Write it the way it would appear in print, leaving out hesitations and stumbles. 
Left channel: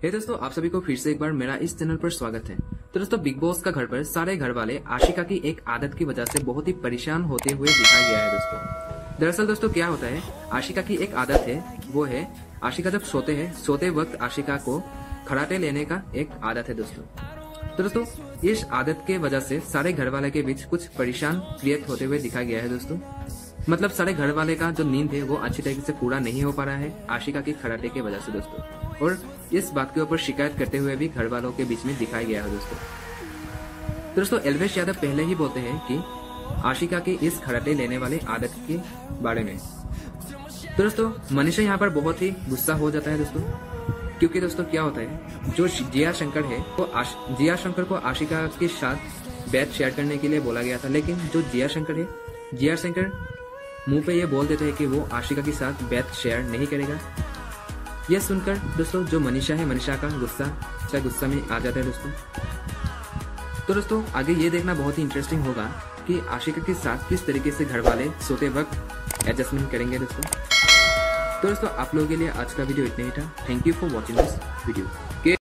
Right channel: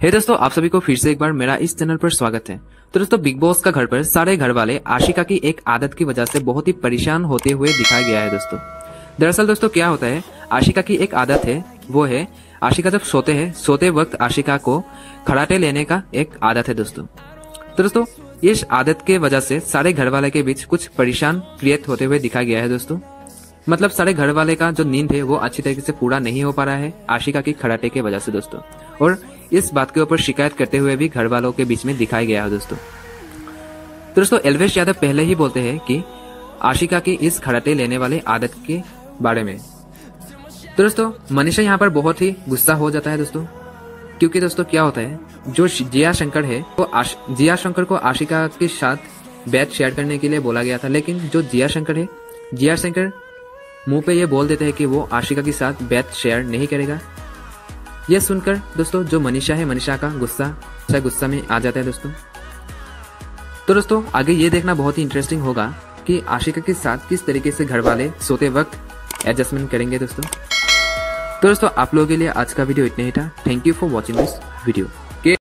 हे दोस्तों, आप सभी को फिर से एक बार मेरा इस चैनल पर स्वागत है। तो दोस्तों, बिग बॉस का घर पर सारे घर वाले आशिका की एक आदत की वजह से बहुत ही परेशान होते हुए दिखाया गया है। दोस्तों दरअसल दोस्तों क्या होता है, आशिका की एक आदत है, वो है आशिका जब सोते वक्त आशिका को खराटे लेने का एक आदत है। दोस्तों इस आदत के वजह से सारे घर वाले के बीच कुछ परेशान क्रिएट होते हुए दिखाया गया है। दोस्तों मतलब सारे घर वाले का जो नींद है वो अच्छी तरीके से पूरा नहीं हो पा रहा है आशिका की खराटे की वजह से। दोस्तों और इस बात के ऊपर शिकायत करते हुए भी घर वालों के बीच में दिखाया गया है। दोस्तों एल्वेश यादव पहले ही बोलते हैं कि आशिका की इस खराटे लेने वाले आदत के बारे में। तो दोस्तों मनीषा यहाँ पर बहुत ही गुस्सा हो जाता है दोस्तों, क्योंकि दोस्तों क्या होता है, जो जिया शंकर है वो जिया शंकर को आशिका के साथ बेड शेयर करने के लिए बोला गया था, लेकिन जो जिया शंकर मुंह पे ये बोल देते हैं कि वो आशिका के साथ बेड शेयर नहीं करेगा। ये सुनकर दोस्तों जो मनीषा है, मनीषा का गुस्सा में आ जाता है। दोस्तों आगे ये देखना बहुत ही इंटरेस्टिंग होगा कि आशिका के साथ किस तरीके से घर वाले सोते वक्त एडजस्टमेंट करेंगे। दोस्तों आप लोगों के लिए आज का वीडियो इतना ही था। Thank you for watching this video.